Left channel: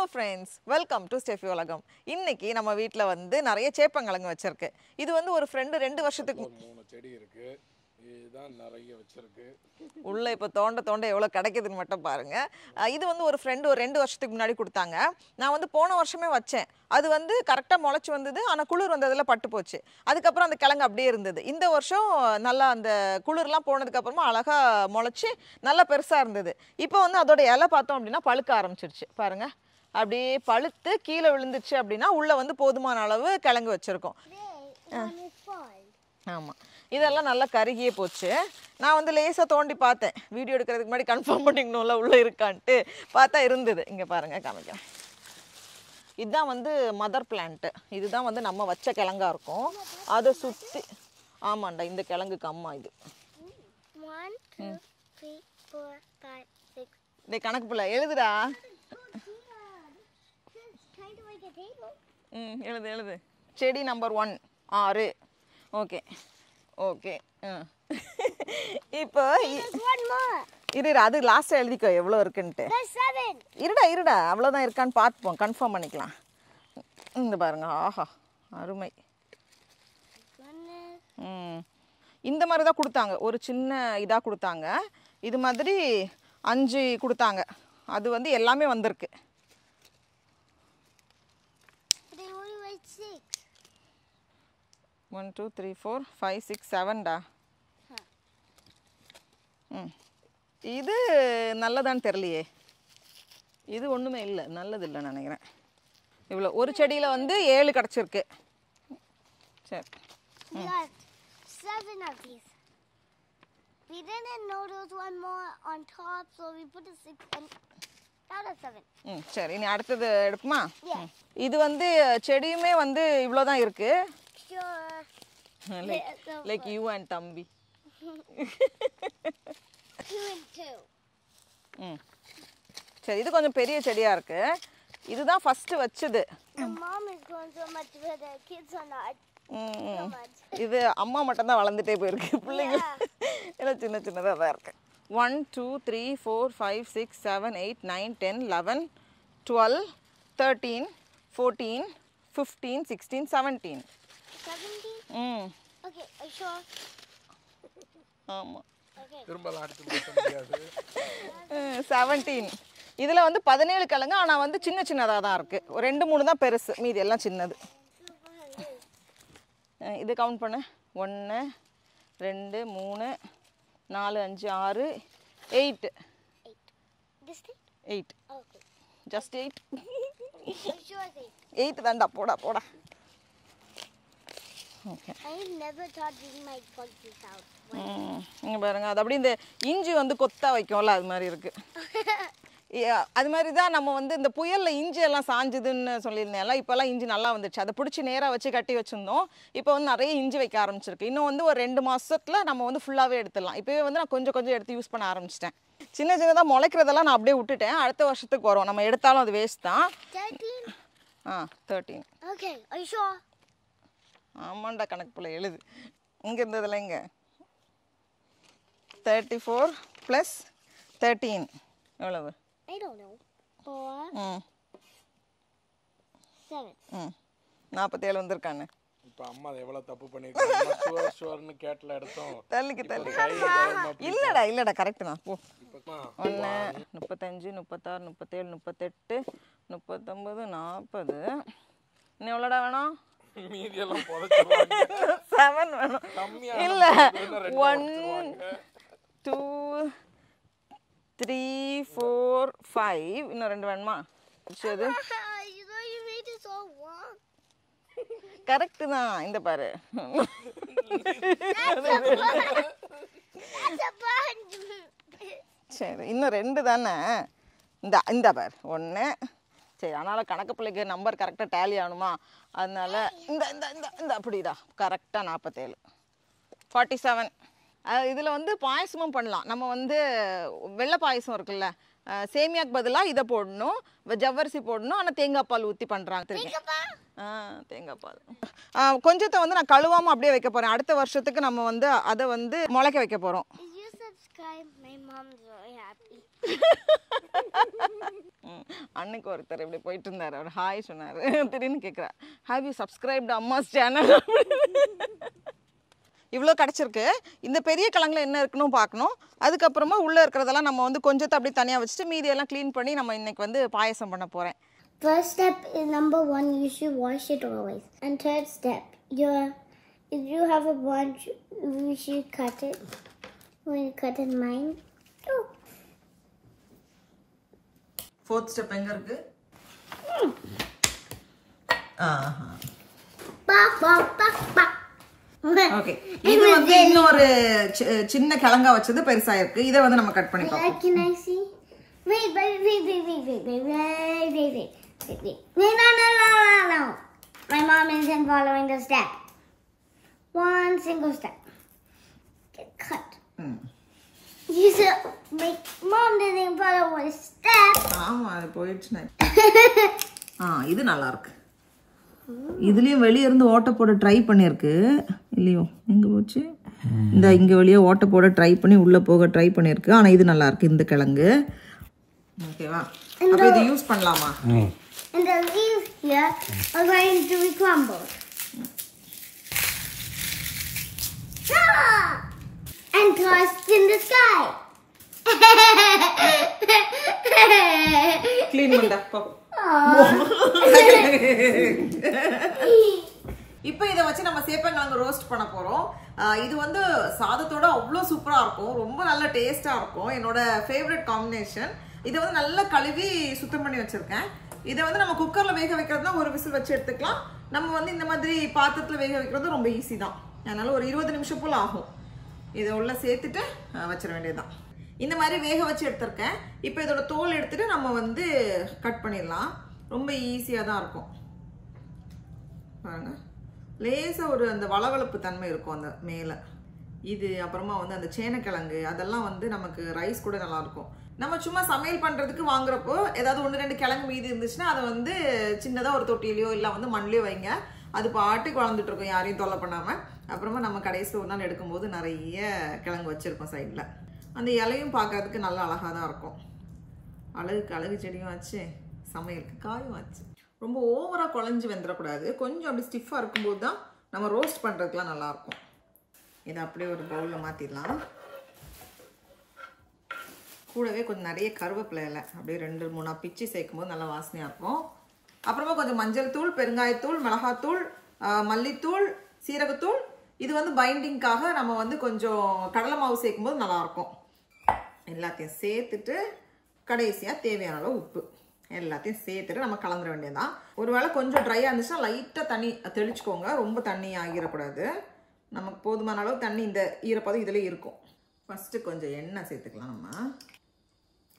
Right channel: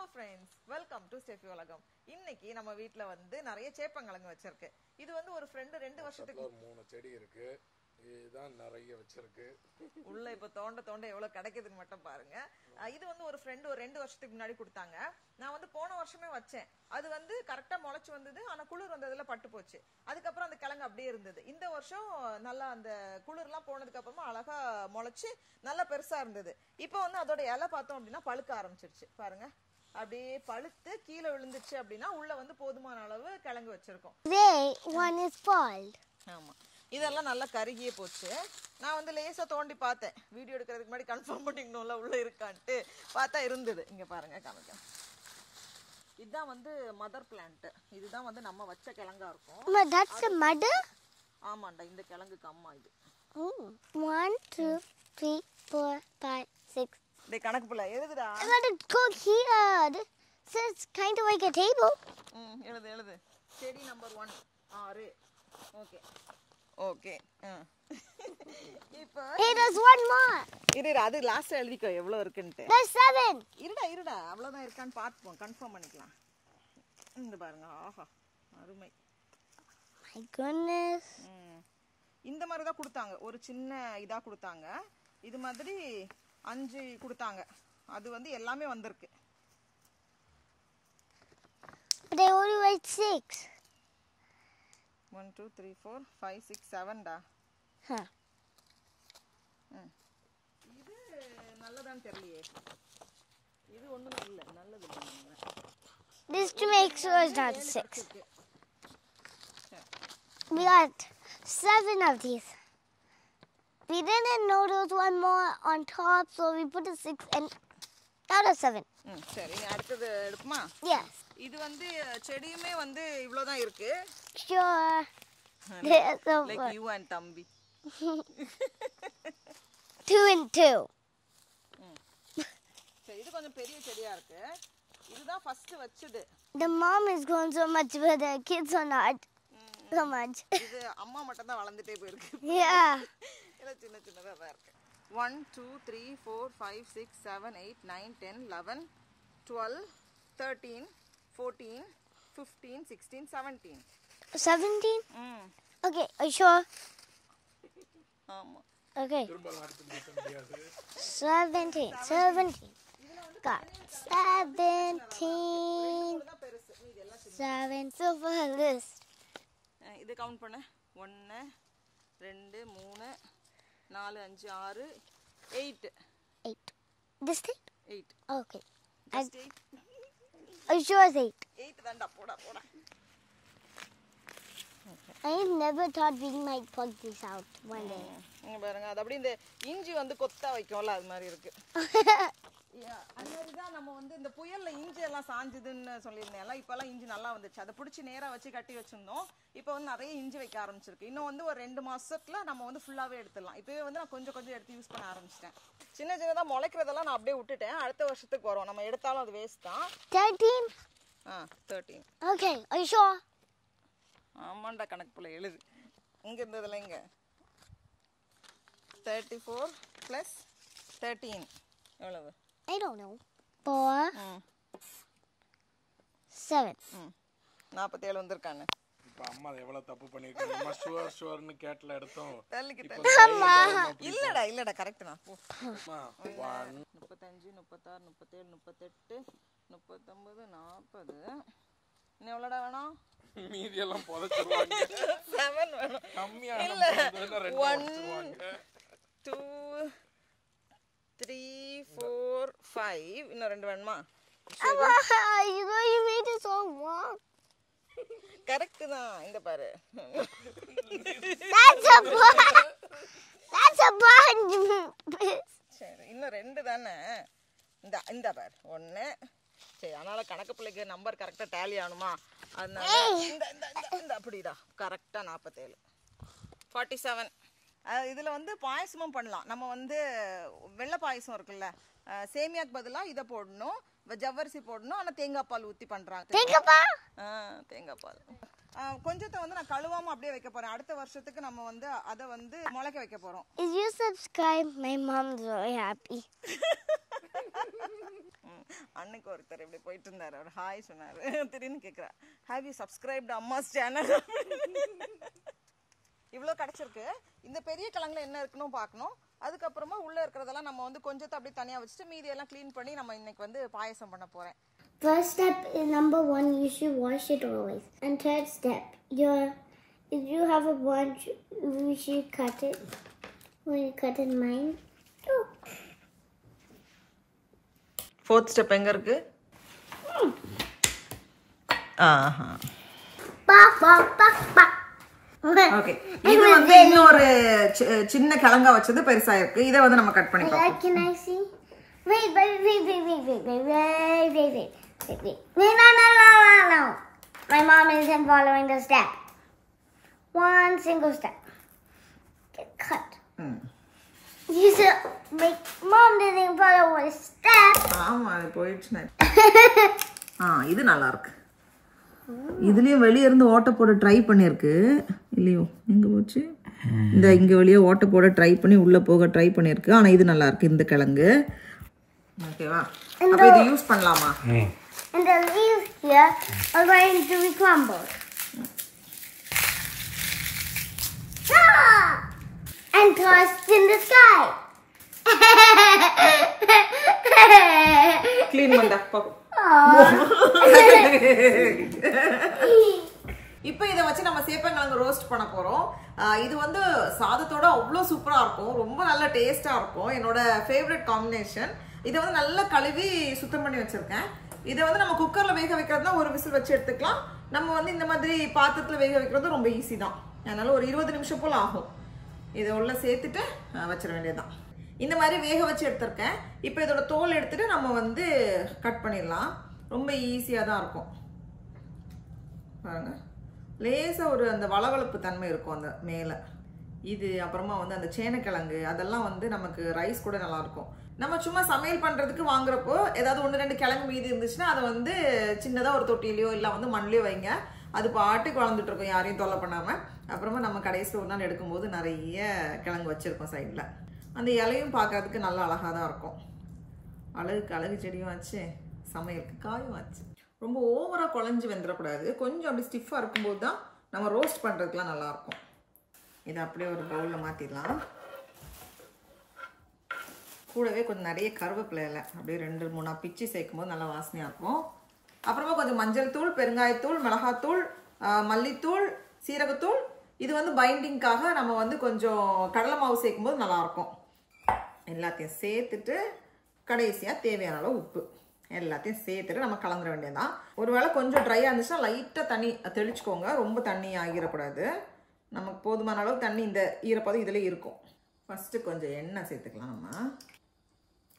Hello friends, welcome to Steffi உலகம். இன்னைக்கு நம்ம வீட்ல வந்து நிறைய சேப்பங்கிழங்கு வச்சிருக்கு. இது வந்து ஒரு friend 2 வருஷத்துக்கு மூணு செடி இருக்கு. இதுதான் நிறைய வச்சிருக்கு. உள்ள இப்ப தோண்ட எவ்வளவு கிடைக்குதுன்னு மட்டும் பாருங்க. இது வந்து ஒரு friend ஒரு 2 வருஷத்துக்கு முன்னாடி கொடுத்தாங்க. நான் வந்து போன வருஷமே வச்சேன். அது வந்து கரெக்ட்டா முளைச்சு வந்தது. ஆனா குளிர் வந்ததுல பட்டு போச்சு. அதுக்கு அப்புறம் அந்த கிழங்கு அப்படியே இருந்தது. இந்த வருஷம் நல்லா அந்த குளிர்லாம் போனதுக்கு அப்புறமா அழகா முளைச்சு நல்லா பெருசா இருந்தது. இப்போ வந்து அதோட இலை பார்த்தோம் அப்படின்னா பழுக்க ஆரம்பிச்சிருச்சு. பாருங்க. அப்படியே பழுத்து கீழே விழுந்துச்சு அப்படின்னா உள்ள வந்து போதுமான அளவு கிழங்கு வச்சிருக்கோம். One is spoiled. ஆமா. இதெல்லாம் நல்லா கருகியே போச்சு. நான் வந்து லேசா தோண்டி பார்த்தேன். வீடியோ எடுக்கிறதுக்கு முன்னாடி கன்ஃபார்ம் பண்ணிக்கணும்ல உள்ள இருக்கான்ட்டு. பார்த்தா இருந்தது. இங்க பாருங்க காமிக்கிறேன். இதுதான் வந்து மதர் பிளான்ட். இதுதான் வந்து நம்ம வச்ச கிழங்கா இருக்கும். Mama, that's the mother? ஆமாண்டா இந்த கிழங்குக்கு அம்மா இது. 1, 2, 3, 4, 5, 6. டேய் கணக்கு புள்ள எழுதுடா. I gotta go here. This is kind of like a table. எழுது. செடி நம்பர் 1 6. ஓகே. ஓகே. இப்போ Hey, there's one more. இரு அது லாஸ்ட் எழுதிக்கோ எவ்வளவு இருக்குன்னு. There's 7. இருடா அவ்வளவுதான் இருக்கான்னு பார்ப்போம் கன்ஃபார்ம் பண்ணிக்கலாம். இந்த பாருங்க ஆஹா அருமை. My goodness. இந்த மாதிரி தான் கொடுத்தாங்க. ஒரு சின்ன இதா கொடுத்தாங்க. இது மாதிரி 5 கொடுத்தாங்க. அது வந்து எல்லாமே வந்திருக்கு. But they only write 6. 1 2 3 4 5 6 7 டா. Huh. இது நல்லதான்னு தெரியலையே. இது ஒண்ணுமே இல்ல நல்லது இல்ல நினைக்கிறேன். ஒரு செடியில வந்து 7 கிடைச்சிருக்கு. சரி. We got 7 of these. We didn't know there was one more on top, so we put a 6 and out of 7. சரி நீ அடுத்தது எடுக்குமா? Yes. இது வந்து செடியுமே வந்து இவ்ளோ தான் இருக்கு. Sure. There's a Like you and தம்பி. 2 and 2. சரி இது கொஞ்சம் பெரிய செடியா இருக்கு. இதுதான் ஃபர்ஸ்ட் வச்சது. The mom is growing so much, but the kids are not so much. இது அம்மா மட்டும் தான் வளர்ந்துட்டே போயிருக்கு. Yeah. எல்லாம் சின்னதா தான் இருக்கு. 1 2 3 4 5 6 7 8 9 10 11 12 13 14 15 16 17. 17? Okay, are you sure? ஆமா. Okay. திரும்பலாம் அடுத்து மாத்த முடியாது. 17. இதுல வந்து 17 கிழங்கு ஆனா வந்து சின்னதா தான் இருக்கு. 2 3 தான் பெருசு மீதி எல்லாம் சின்னது. 7. So for this. இது கவுண்ட் பண்ணு. 1 2 3 4 5 6 8. 8. This thing? 8. Okay. Just 8. Are you sure it's 8? 8 தான்டா போடா. I have never thought we might plug this out. இங்க பாருங்க அது அப்படியே இந்த இஞ்சி வந்து கொத்தா வைக்கும்ல அது மாதிரி இருக்கு. அது மாதிரி தான் நம்ம வந்து இந்த புயல்ல இஞ்சி எல்லாம் சாஞ்சுதுன்னு சொல்லியிருந்தேன்ல இப்போல்லாம் இஞ்சி நல்லா வந்துச்சு. அதை பிடிச்சி நேராக வச்சு கட்டி வச்சிருந்தோம். இப்போ வந்து நிறைய இஞ்சி வைக்க ஆரம்பிச்சிருக்கு. இன்னும் வந்து ஒரு 2 மாசத்துல நம்ம வந்து ஃபுல்லாகவே எடுத்துடலாம். இப்போவே வந்து நான் கொஞ்சம் எடுத்து யூஸ் பண்ண ஆரம்பிச்சிட்டேன். சின்னதாக முளைக்கிறதெல்லாம் நான் அப்படியே விட்டுட்டேன். அடுத்த வருஷத்துக்கு வரும். நம்ம எடுத்தாலும் அது வேஸ்ட் தான். 13? 13. Okay, are you sure? ஆமாண்டா கணக்கு போல எழுது. இங்க இருந்ததுல இங்க 34 + 13 எவ்வளவு? I don't know. 4. 7. 47 வந்திருக்கானே. இப்ப அம்மா எவ்வளவு தப்பு பண்ணிருக்காங்க. அம்மா ஷுவர்னு கேட்ல எடுத்தோம். தள்ளிக்கு இல்லடா கரெக்ட் தான் போ. 1 35 36 37 38 39 40 இன்னும் எவ்வளோடா வேணும்? மீதி எல்லாம் புதைச்சிருவாங்க. 7 வேணும். கம்மியா இல்ல 1 2 3 4 5 இன்னும் 2 வேணுமா? You made it so long. Correct தான். இந்த பாரு. That's a bunch. That's a bunch. சரி இன்னும் 2 தானே. இந்த பாரு 1. சரி அதனால கணக்கு பிள்ளைக்கு நம்பர் கரெக்டா டேலி ஆகணுமா அதனால இந்த அப்படிடா கரெக்டா 47 47. இதுல வந்து பாயசமும் பண்ணலாம். நம்ம வந்து வெள்ளை பாயசம் இருக்குல்ல சேமியாக்கு பதிலா இதை போடணும். ஜவ்வரிசி போடணும். ஆனா தேங்காய் பால் ஊத்தி பண்றாங்க. தேங்காய் பால் கொஞ்சத்தை வந்து நான் கழுவாம அப்படியே வைக்க போறேன். அடுத்த வருஷத்துக்கு நம்ம வந்து அதை வந்து முளைக்க வைக்க போறோம். If you subscribe, my mom's very happy. அன்னைக்கு ஒருத்தர் இப்படி போயிட்டு இருந்தார், அவர் ஹாய் சொன்னார். திடீர்னு கேட்குறா, ஹேவ் யூ சப்ஸ்கிரைப்டு அம்மாஸ் சேனல்? இவ்வளோ கிடச்சிருக்கு. இந்த பெரிய கிழங்குல என்ன இருக்குன்னு பார்க்கணும். அதுக்கப்புறமா உள்ளே இருக்கிறதெல்லாம் நம்ம வந்து கொஞ்சத்தை அப்படி தனியாக வச்சுட்டு மீதியெல்லாம் க்ளீன் பண்ணி நம்ம இன்னைக்கு வந்து பாயசம் பண்ண போகிறேன். First step is number 1, you should wash it always. And third step, if you have a bunch, you should cut it. When you cut in mine. Oh. Fourth step எங்கே இருக்கு? ஆஹா, ஓகே. இது வந்து இன்னொரு சின்ன கிழங்கா வச்சது பெருசா இருக்கு. இதை வந்து நம்ம கட் பண்ணி பார்ப்போம். Can I see? Wait. No. My mom isn't following the step. One single step. Get cut. You said, Mom didn't follow a step. ஆமா, அது போயிடுச்சு. இது நல்லா இருக்கு. இதுலயும் வெளியே இருந்து ஓட்ட போட ட்ரை பண்ணிருக்கு இல்லையோ? எங்க போச்சு? இந்த இங்க வெளியே ஓட்ட போட ட்ரை பண்ணி உள்ள போக ட்ரை பண்ணிருக்கு. ஆனா இது நல்லா இருக்கு இந்த கிழங்கு. ஓகேவா? அப்ப இது யூஸ் பண்ணலாமா? And the leaves here are going to be crumbled. And tossed in the sky. Clean பண்ணடா போ. இப்போ இதை வச்சு நம்ம சேப்பங்கிழங்கு ரோஸ்ட் பண்ண போறோம். இது வந்து சாதத்தோட அவ்வளோ சூப்பரா இருக்கும், ரொம்ப நல்ல டேஸ்டா இருக்கும். என்னோட ஃபேவரட் காம்பினேஷன். இதை வந்து நல்லா கழுவி சுத்தம் பண்ணி வச்சிருக்கேன். இதை வந்து நம்ம குக்கர்ல வேக வைக்கிறதுனா ஒரு விசில் வச்சு எடுத்துக்கலாம். நம்ம வந்து இந்த மாதிரி பாத்திரத்துல வேக வைக்கிறது ரொம்ப ஈஸி தான். அதனால ஒரு 20 நிமிஷம் போல ஆகும். இதை உள்ள சேர்த்துட்டு வச்சிட வேண்டியதுதான். இந்த மாதிரி வேக வச்சு எடுத்திருக்கேன். இப்போ இதோட தோல் எடுத்துட்டு நம்ம வந்து கட் பண்ணிடலாம். ரொம்ப ஈஸியாக தான் இருக்கும். பாருங்க, லேசா ஒரு அந்த வளவளப்பு தன்மை இருக்கும் அந்த மேலே. இது அப்புறமா வந்து அந்த சேனக்கிழங்கு அதெல்லாம் வந்து நமக்கு ரைஸ் கூட நல்லா இருக்கும். நம்ம சும்மா சமையல் பண்றதுக்கு வாங்குறப்போ ஏதாவது 1-2 கிழங்கு மீதி இருந்துச்சுன்னா அதை வந்து சின்னதாக ஒரு தொட்டிலையோ இல்லை வந்து மண்ணிலையோ வைங்க. அது பாட்டுக்கு வளர்ந்துட்டு இருக்கும், யாரையும் தொல்லை பண்ணாம. அப்புறமா நம்ம கடைசியில் ஒரு நாள் எடுக்கும்போது நிறைய கிழங்கு வச்சிருக்கோம் சைடில். அந்த இலையும் பார்க்கறதுக்கு நல்லா அழகாக தான் இருக்கும். அழகுக்கு அழகு செடியும் ஆச்சு, சமையலுக்கு காயும் ஆச்சு. ரொம்ப ஓவராக குழஞ்சி வெந்துடக்கூடாது. கொஞ்சம் அப்படி ஸ்டிஃபாக இருக்கும்போது தான் நம்ம ரோஸ்ட் பண்ணுறதுக்குலாம் நல்லாயிருக்கும். இதை அப்படியே ஒரு பவுலில் மாற்றிடலாம். கூடவே கொஞ்சம் நிறைய கருவேப்பிலை இலை அப்படியே 2-3 பிச்சு சேர்க்கும் போது நல்லா வாசனையாக இருக்கும். அப்புறமா கொஞ்சம் மஞ்சள் தூள், பெருங்காயத்தூள், மிளகாத்தூள், மல்லித்தூள், சீரகத்தூள். இது வந்து பைண்டிங்காக நம்ம வந்து கொஞ்சம் கடலை மாவு சேர்க்கும் போது நல்லாயிருக்கும். எல்லாத்தையும் சேர்த்துட்டு கடைசியாக தேவையான அளவு உப்பு எல்லாத்தையும் சேர்த்துட்டு நம்ம கலந்துட வேண்டியதுதான். ஒருவேளை கொஞ்சம் ட்ரையாக இருந்துச்சுன்னா லைட்டாக தண்ணி தெளிச்சுக்கோங்க, ரொம்ப தண்ணி ஆகிடக்கூடாது. நமக்கு போதுமான அளவு தண்ணி இந்த ஈரப்பதம் இதில் இருக்கும். ஃபஸ்ட்டு கொஞ்சம் எண்ணெய் சேர்த்துக்கலாம். நம்ம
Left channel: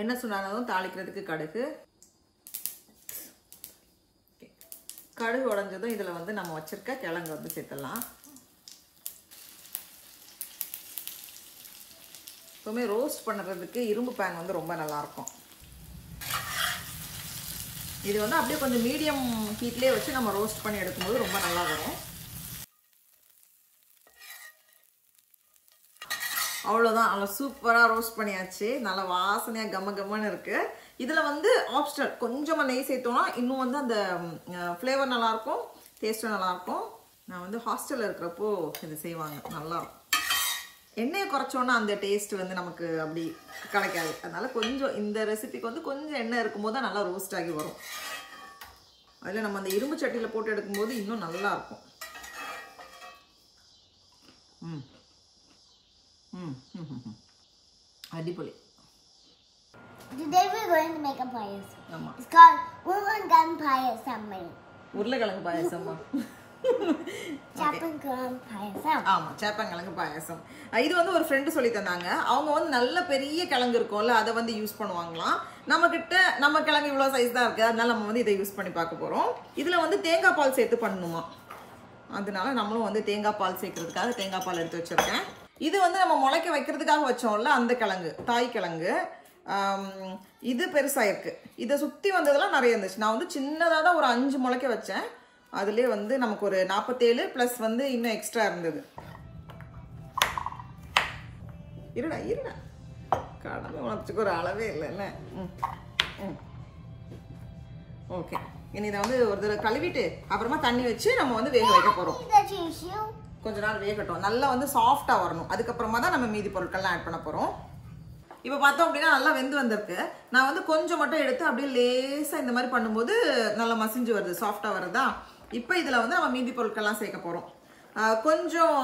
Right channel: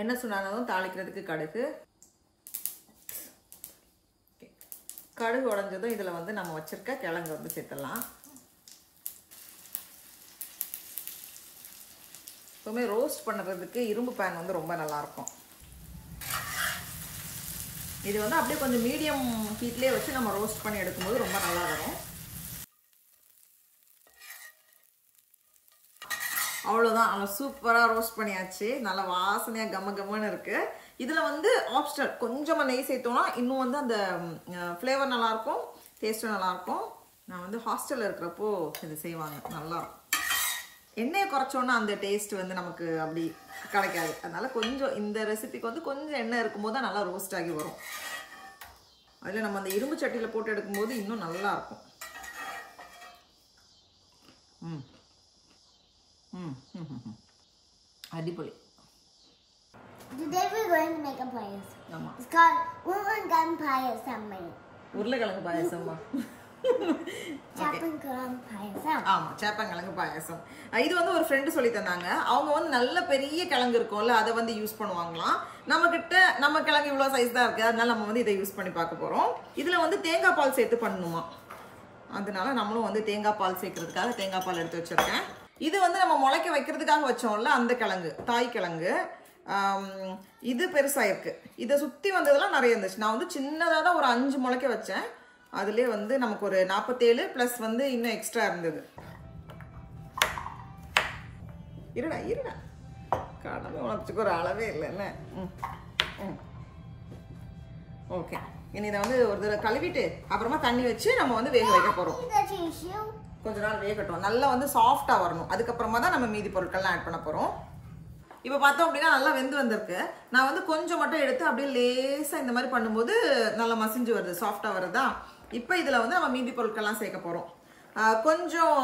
எண்ணெய் சுடானதும் தாளிக்கிறதுக்கு கடுகு. கடுகு உடஞ்சதும் இதில் வந்து நம்ம வச்சிருக்க கிழங்கு வந்து சேர்த்துடலாம். எப்பவுமே ரோஸ்ட் பண்ணுறதுக்கு இரும்பு பேன் வந்து ரொம்ப நல்லாயிருக்கும். இது வந்து அப்படியே கொஞ்சம் மீடியம் ஹீட்லேயே வச்சு நம்ம ரோஸ்ட் பண்ணி எடுக்கும்போது ரொம்ப நல்லா வரும். அவ்வளோதான், நல்லா சூப்பராக ரோஸ்ட் பண்ணியாச்சு. நல்லா வாசனையாக கம்மன்னு இருக்கு. இதில் வந்து ஆப்ஷனல் கொஞ்சமாக நெய் சேர்த்தோம்னா இன்னும் வந்து அந்த ஃப்ளேவர் நல்லாயிருக்கும், டேஸ்ட்டும் நல்லாயிருக்கும். நான் வந்து ஹாஸ்டலில் இருக்கிறப்போ இது செய்வாங்க, நல்லாயிருக்கும். எண்ணெயை குறைச்சோன்னா அந்த டேஸ்ட் வந்து நமக்கு அப்படி கிடைக்காது. அதனால கொஞ்சம் இந்த ரெசிபிக்கு வந்து கொஞ்சம் எண்ணெய் இருக்கும்போது தான் நல்லா ரோஸ்ட் ஆகி வரும். அதில் நம்ம அந்த இரும்பு சட்டியில் போட்டு எடுக்கும்போது இன்னும் நல்லா இருக்கும். அடிப்பொலி. Today we're going to make a payasam. ஆமா, It's called Urlangan Payasam. உருளைக்கிழங்கு பாயசமா? Chappangalam Payasam. ஆமா, சேப்பங்கிழங்கு பாயசம். இது வந்து ஒரு ஃப்ரெண்டு சொல்லி தந்தாங்க. அவங்க வந்து நல்ல பெரிய கிழங்கு இருக்கும்ல, அதை வந்து யூஸ் பண்ணுவாங்களாம். நம்ம கிழங்கு இவ்வளோ சைஸ் தான் இருக்கு, அதனால நம்ம வந்து இதை யூஸ் பண்ணி பார்க்க போறோம். இதுல வந்து தேங்காய் பால் சேர்த்து பண்ணணுமா, அதனால நம்மளும் வந்து தேங்காய் பால் சேர்க்கறதுக்காக தேங்காய் பால் எடுத்து வச்சிருக்கேன். இது வந்து நம்ம முளைக்க வைக்கிறதுக்காக வச்சோம்ல அந்த கிழங்கு, தாய் கிழங்கு. இது பெருசா இருக்கு. இதை சுத்தி வந்ததெல்லாம் நிறைய இருந்துச்சு. நான் வந்து சின்னதாக தான் ஒரு 5 முளைக்க வச்சேன். அதுலேயே வந்து நமக்கு ஒரு 47 ப்ளஸ் வந்து இன்னும் எக்ஸ்ட்ரா இருந்தது. இருடா கடமை உணர்ச்சிக்கு ஒரு அளவே இல்லைல்ல. ஓகே, இனி இதை வந்து ஒரு தடவை கழுவிட்டு அப்புறமா தண்ணி வச்சு நம்ம வந்து வேக வைக்க போறோம். கொஞ்ச நாள் வேகட்டும், நல்லா வந்து சாஃப்டா வரணும். அதுக்கப்புறமா தான் நம்ம மீதி பொருட்கள்லாம் ஆட் பண்ண போறோம். இப்போ பார்த்தோம் அப்படின்னா நல்லா வெந்து வந்திருக்கு. நான் வந்து கொஞ்சம் மட்டும் எடுத்து அப்படியே லேசா இந்த மாதிரி பண்ணும்போது நல்லா மசிஞ்சு வருது, சாஃப்டா வருதா. இப்போ இதுல வந்து நம்ம மீதி பொருட்கள்லாம் சேர்க்க போறோம். கொஞ்சம்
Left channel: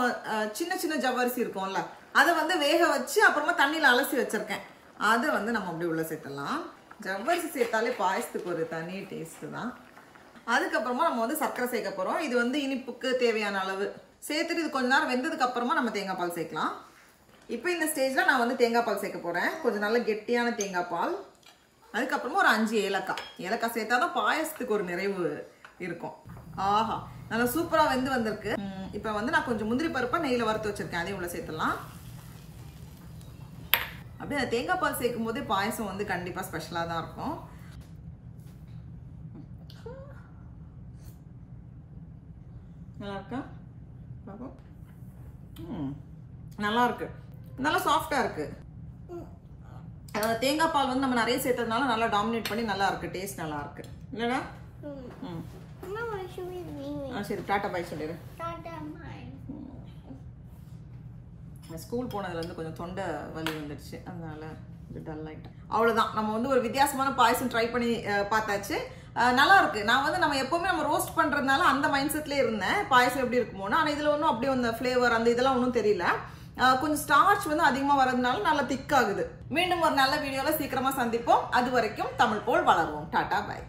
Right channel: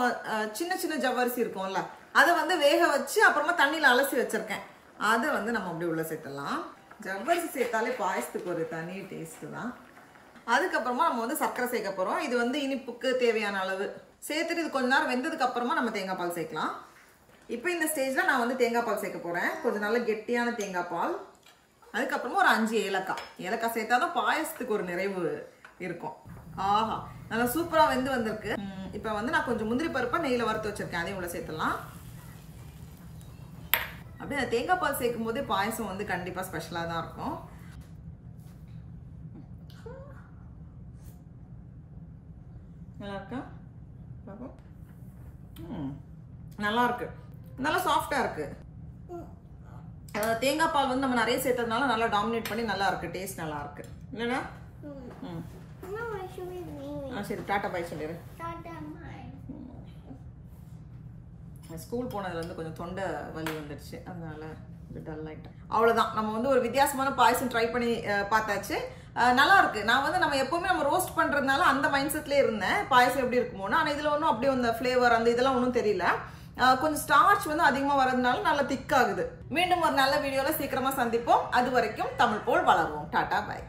சின்ன சின்ன ஜவ்வரிசி இருக்கும்ல, அதை வந்து வேக வச்சு அப்புறமா தண்ணியில அலசி வச்சிருக்கேன். அதை வந்து நம்ம அப்படியே உள்ள சேர்த்துடலாம். ஜவ்வரிசி சேர்த்தாலே பாயசத்துக்கு ஒரு தனி டேஸ்ட் தான். அதுக்கப்புறமா நம்ம வந்து சர்க்கரை சேர்க்க போறோம். இது வந்து இனிப்புக்கு தேவையான அளவு சேர்த்துட்டு இது கொஞ்ச நேரம் வெந்ததுக்கு அப்புறமா நம்ம தேங்காய் பால் சேர்க்கலாம். இப்போ இந்த ஸ்டேஜ்ல நான் வந்து தேங்காய் பால் சேர்க்க போறேன். கொஞ்சம் நல்ல கெட்டியான தேங்காய் பால். அதுக்கப்புறமா ஒரு 5 ஏலக்காய். ஏலக்காய் சேர்த்தாதான் பாயசத்துக்கு ஒரு நிறைவு இருக்கும். ஆஹா, நல்லா சூப்பரா வெந்து வந்திருக்கு. இப்போ வந்து நான் கொஞ்சம் முந்திரி பருப்பை நெய்யில வறுத்து வச்சிருக்கேன், அதையும் உள்ள சேர்த்துலாம். அப்படியே தேங்காய் பால் சேர்க்கும் போதே பாயசம் வந்து கண்டிப்பா ஸ்பெஷலா தான் இருக்கும். நல்லா இருக்கா? நல்லா இருக்கு, நல்லா சாஃப்டா இருக்கு. தேங்காய் பால் வந்து நம்ம நிறைய சேர்த்ததுனால நல்லா டாமினேட் பண்ணி நல்லா இருக்கு, டேஸ்ட் நல்லா இருக்கு இல்லடா? சரி, டாட்டா பாய் சொல்லிடு. ஸ்கூல் போனதுல இருந்து கொஞ்சம் தொண்டை வலி வந்துடுச்சு, அதனால டல் ஆயிட்டேன். அவ்வளவுதான், நம்ம வந்து ஒரு வித்தியாசமான பாயசம் ட்ரை பண்ணி பார்த்தாச்சு. நல்லா இருக்கு. நான் வந்து நம்ம எப்பவுமே நம்ம ரோஸ்ட் பண்றதுனால அந்த மைண்ட் செட்லயே இருந்தேன், பாயசம் எப்படி இருக்குமோன்னு. ஆனா இதுல ஒன்றும் அப்படியே அந்த ஃபிளேவர் அந்த இதெல்லாம் ஒன்றும் தெரியல. கொஞ்சம் ஸ்டார்ச் வந்து அதிகமா வரதுனால நல்லா திக் ஆகுது. மீண்டும் ஒரு நல்ல வீடியோல சீக்கிரமா சந்திப்போம். அது வரைக்கும் தமிழ் போல் வளருவோம். டாடா பாய்.